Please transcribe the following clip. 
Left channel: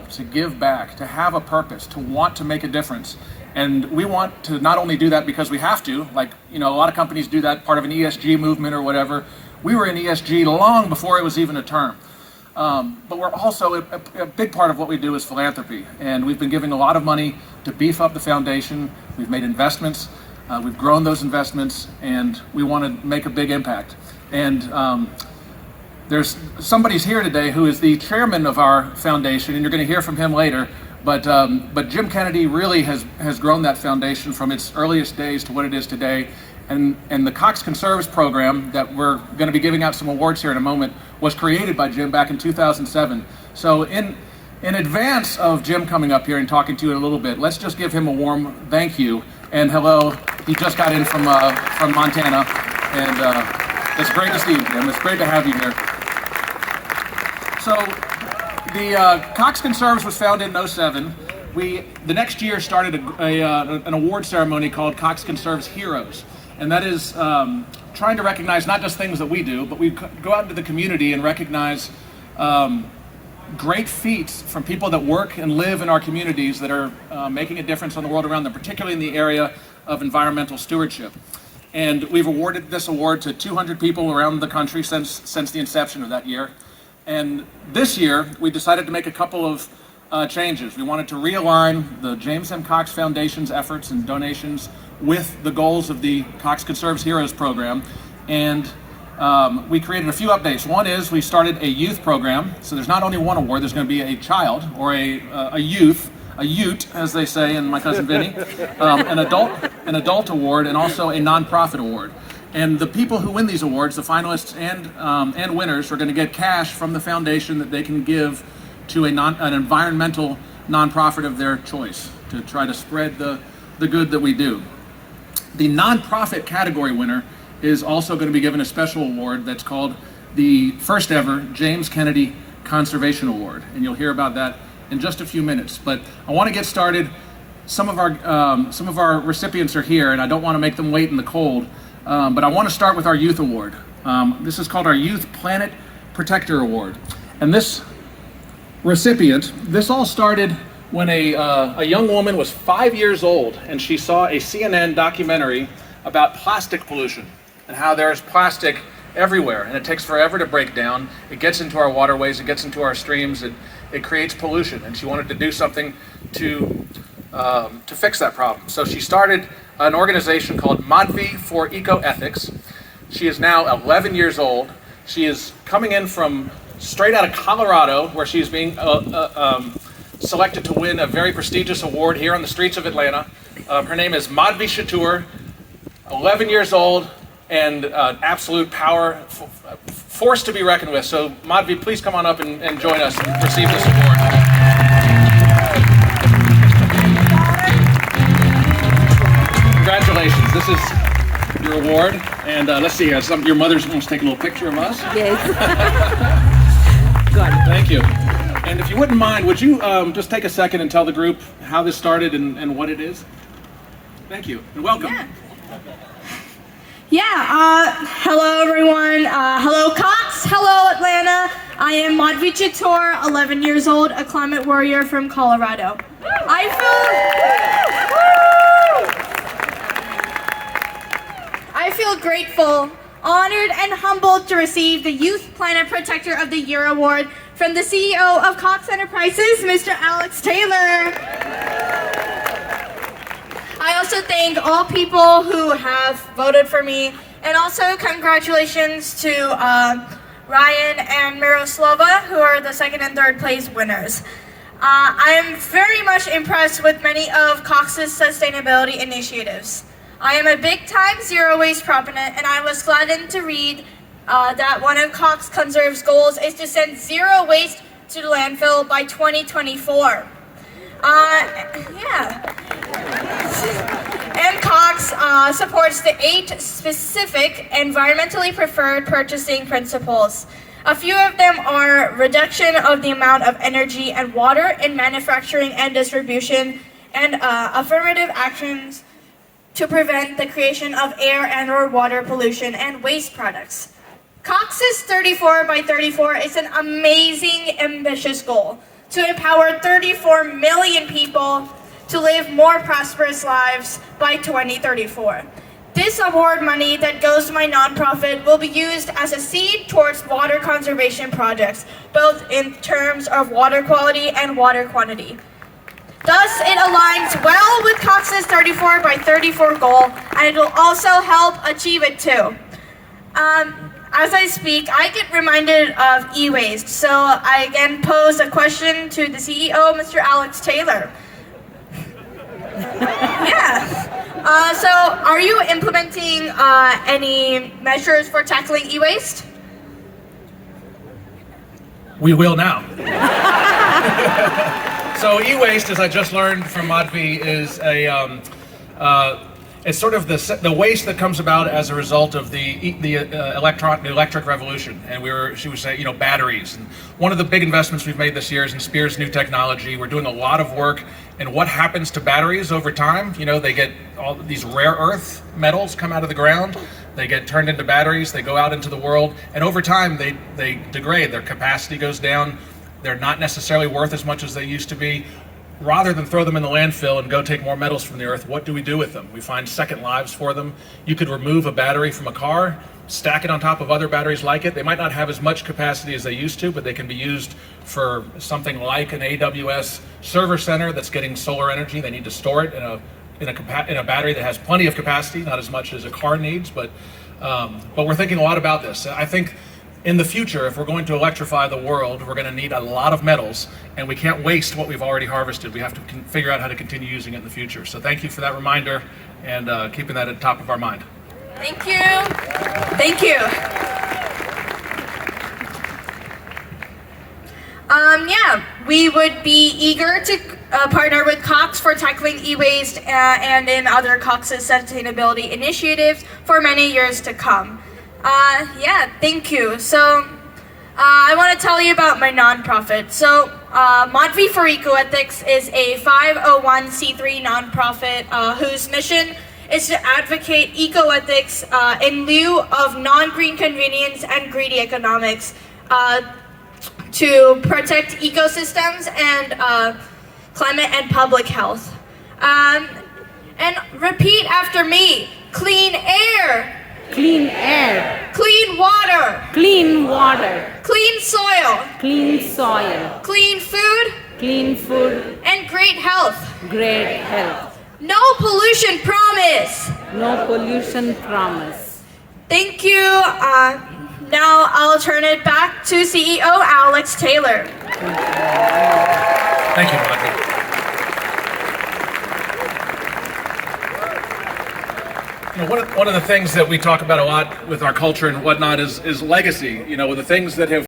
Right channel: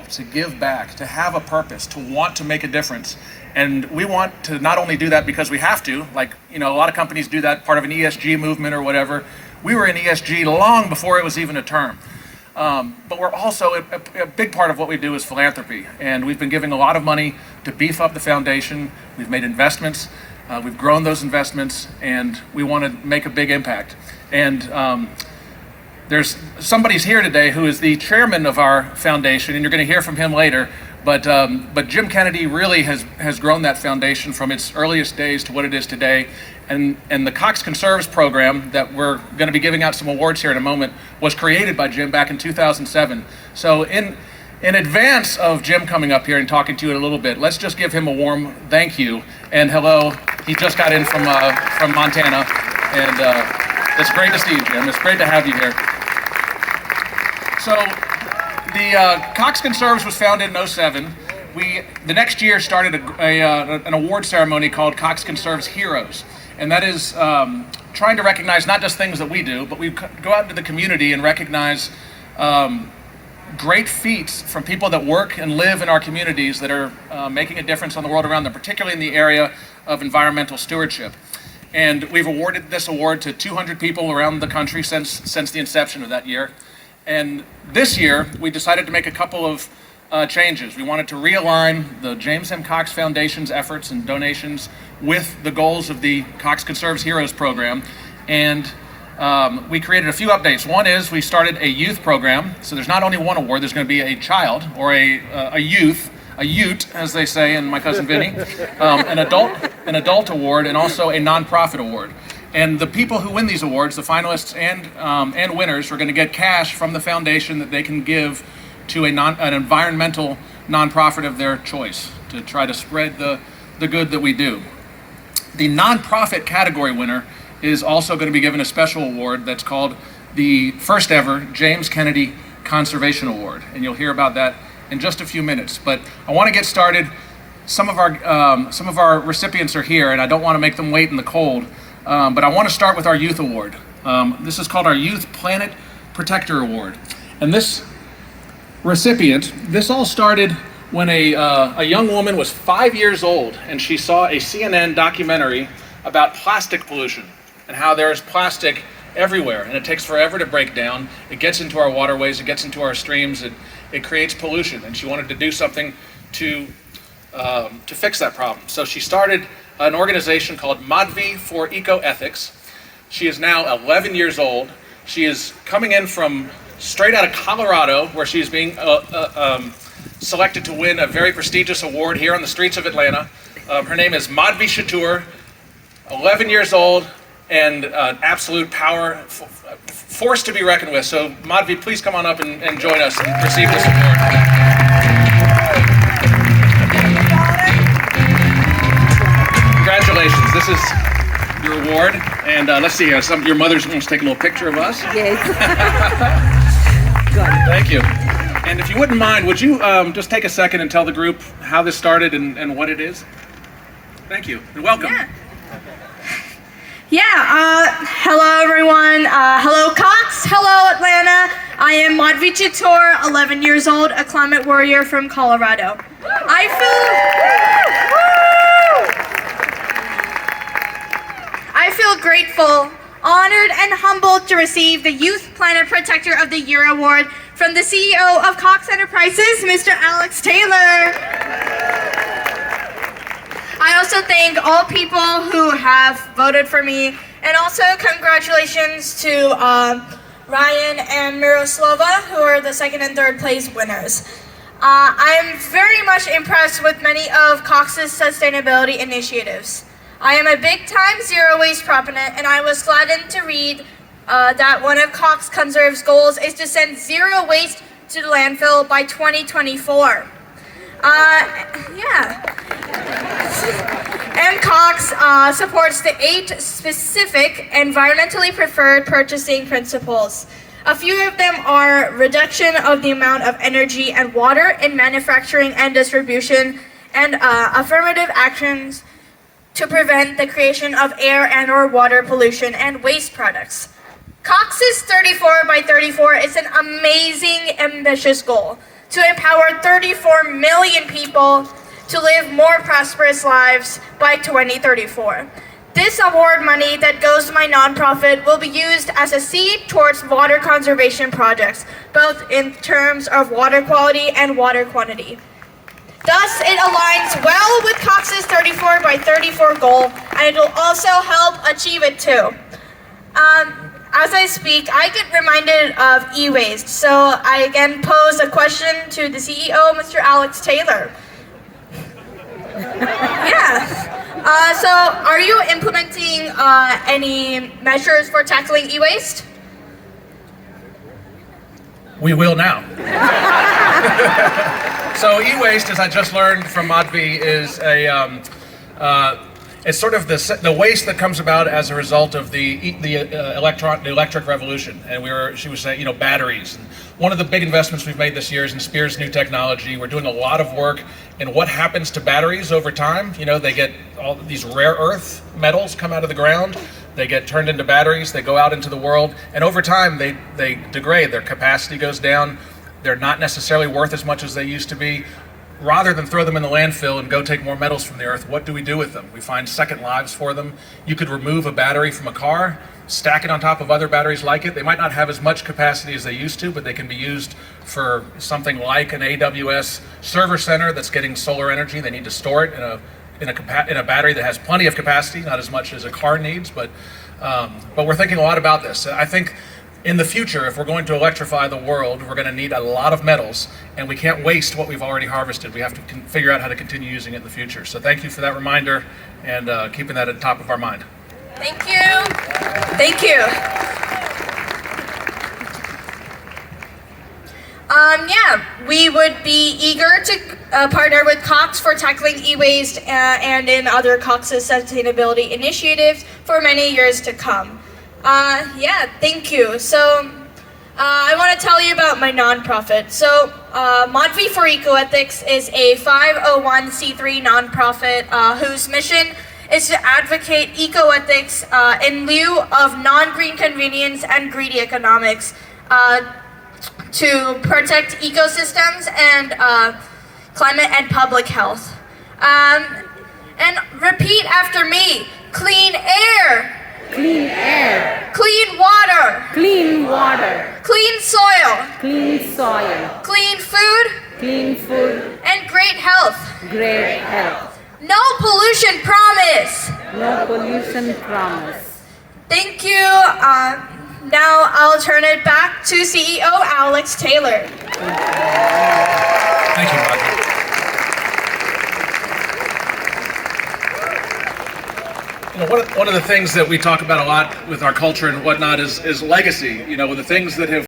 involved, to give back, to have a purpose, to want to make a difference. And we want to not only do that because we have to, like, a lot of companies do that, part of an ESG movement or whatever. We were in ESG long before it was even a term. But we're also, a big part of what we do is philanthropy. And we've been giving a lot of money to beef up the foundation. We've made investments. We've grown those investments, and we want to make a big impact. And there's somebody's here today who is the chairman of our foundation, and you're going to hear from him later. But Jim Kennedy really has grown that foundation from its earliest days to what it is today. And the COX Conserves program that we're going to be giving out some awards here in a moment was created by Jim back in 2007. So in advance of Jim coming up here and talking to you in a little bit, let's just give him a warm thank you and hello. He just got in from Montana, and it's great to see you, Jim. It's great to have you here. So the COX Conserves was founded in 07. The next year started an award ceremony called COX Conserves Heroes. And that is trying to recognize not just things that we do, but we go out into the community and recognize great feats from people that work and live in our communities that are making a difference on the world around them, particularly in the area of environmental stewardship. And we've awarded this award to 200 people around the country since the inception of that year. And this year, we decided to make a couple of changes. We wanted to realign the James M. Cox Foundation's efforts and donations with the goals of the COX Conserves Heroes program. And we created a few updates. One is we started a youth program. So there's not only one award, there's going to be a child or a ute, as they say in My Cousin Vinny, an adult award, and also a nonprofit award. And the people who win these awards, the finalists and winners, are going to get cash from the foundation that they can give to an environmental nonprofit of their choice to try to spread the good that we do. The nonprofit category winner is also going to be given a special award that's called the first ever James Kennedy Conservation Award. And you'll hear about that in just a few minutes. But I want to get started. Some of our recipients are here, and I don't want to make them wait in the cold. But I want to start with our Youth Award. This is called our Youth Planet Protector Award. And this recipient, this all started when a young woman was 5 years old, and she saw a CNN documentary about plastic pollution and how there's plastic everywhere, and it takes forever to break down. It gets into our waterways, it gets into our streams, it creates pollution, and she wanted to do something to fix that problem. So she started an organization called Madhvi for Ecoethics. She is now 11 years old. She is coming in from straight out of Colorado, where she's being selected to win a very prestigious award here on the streets of Atlanta. Her name is Madhvi Chittoor, 11 years old, and absolute power, force to be reckoned with. So Madhvi, please come on up and join us and receive this award. Congratulations, this is your award. And let's see, your mother wants to take a little picture of us. Yes. Good. Thank you. And if you wouldn't mind, would you just take a second and tell the group how this started and what it is? Thank you, and welcome. Hello everyone. Hello Cox. Hello Atlanta. I am Madhvi Chittoor, 11 years old, a climate warrior from Colorado. I feel grateful, honored, and humbled to receive the Youth Planet Protector of the Year Award from the CEO of Cox Enterprises, Mr. Alex Taylor. I also thank all people who have voted for me, and also congratulations to Ryan and Miroslava, who are the second and third place winners. I am very much impressed with many of Cox's sustainability initiatives. I am a big-time zero waste proponent, and I was gladdened to read that one of Cox Conserve's goals is to send zero waste to the landfill by 2024. MCOX supports the 8 specific environmentally preferred purchasing principles. A few of them are reduction of the amount of energy and water in manufacturing and distribution, and affirmative actions to prevent the creation of air and or water pollution and waste products. Cox's 34 by 34 is an amazing, ambitious goal. to empower 34 million people to live more prosperous lives by 2034. This award money that goes to my nonprofit will be used as a seed towards water conservation projects, both in terms of water quality and water quantity. Thus, it aligns well with COX's 34 by 34 goal, and it will also help achieve it too. As I speak, I get reminded of e-waste, so I again pose a question to the CEO, Mr. Alex Taylor. Yeah. So are you implementing any measures for tackling e-waste? We will now. So e-waste, as I just learned from Madhvi, is it's sort of the waste that comes about as a result of the electric revolution. And she was saying, batteries. And one of the big investments we've made this year is in Spear's new technology. We're doing a lot of work in what happens to batteries over time. They get all these rare earth metals come out of the ground. They get turned into batteries. They go out into the world, and over time they degrade. Their capacity goes down. They're not necessarily worth as much as they used to be. Rather than throw them in the landfill and go take more metals from the earth, what do we do with them? We find second lives for them. You could remove a battery from a car, stack it on top of other batteries like it. They might not have as much capacity as they used to, but they can be used for something like an AWS server center that's getting solar energy. They need to store it in a battery that has plenty of capacity, not as much as a car needs, but we're thinking a lot about this. I think in the future, if we're going to electrify the world, we're going to need a lot of metals, and we can't waste what we've already harvested. We have to figure out how to continue using it in the future. So thank you for that reminder and keeping that at the top of our mind. Thank you. Thank you. Yeah, we would be eager to partner with COX for tackling e-waste and in other COX's sustainability initiatives for many years to come. Yeah, thank you. So, I want to tell you about my nonprofit. So, Madhvi for Ecoethics is a 501c3 nonprofit whose mission is to advocate ecoethics in lieu of non-green convenience and greedy economics to protect ecosystems and climate and public health. And repeat after me: clean air. Clean air, Clean water. clean water, Clean soil. clean soil, Clean food. clean food, And great health. great health. No pollution promise. No pollution promise. Thank you. Now I'll turn it back to CEO Alex Taylor. Thank you, Madhvi. One of the things that we talk about a lot with our culture and whatnot is legacy. The things that have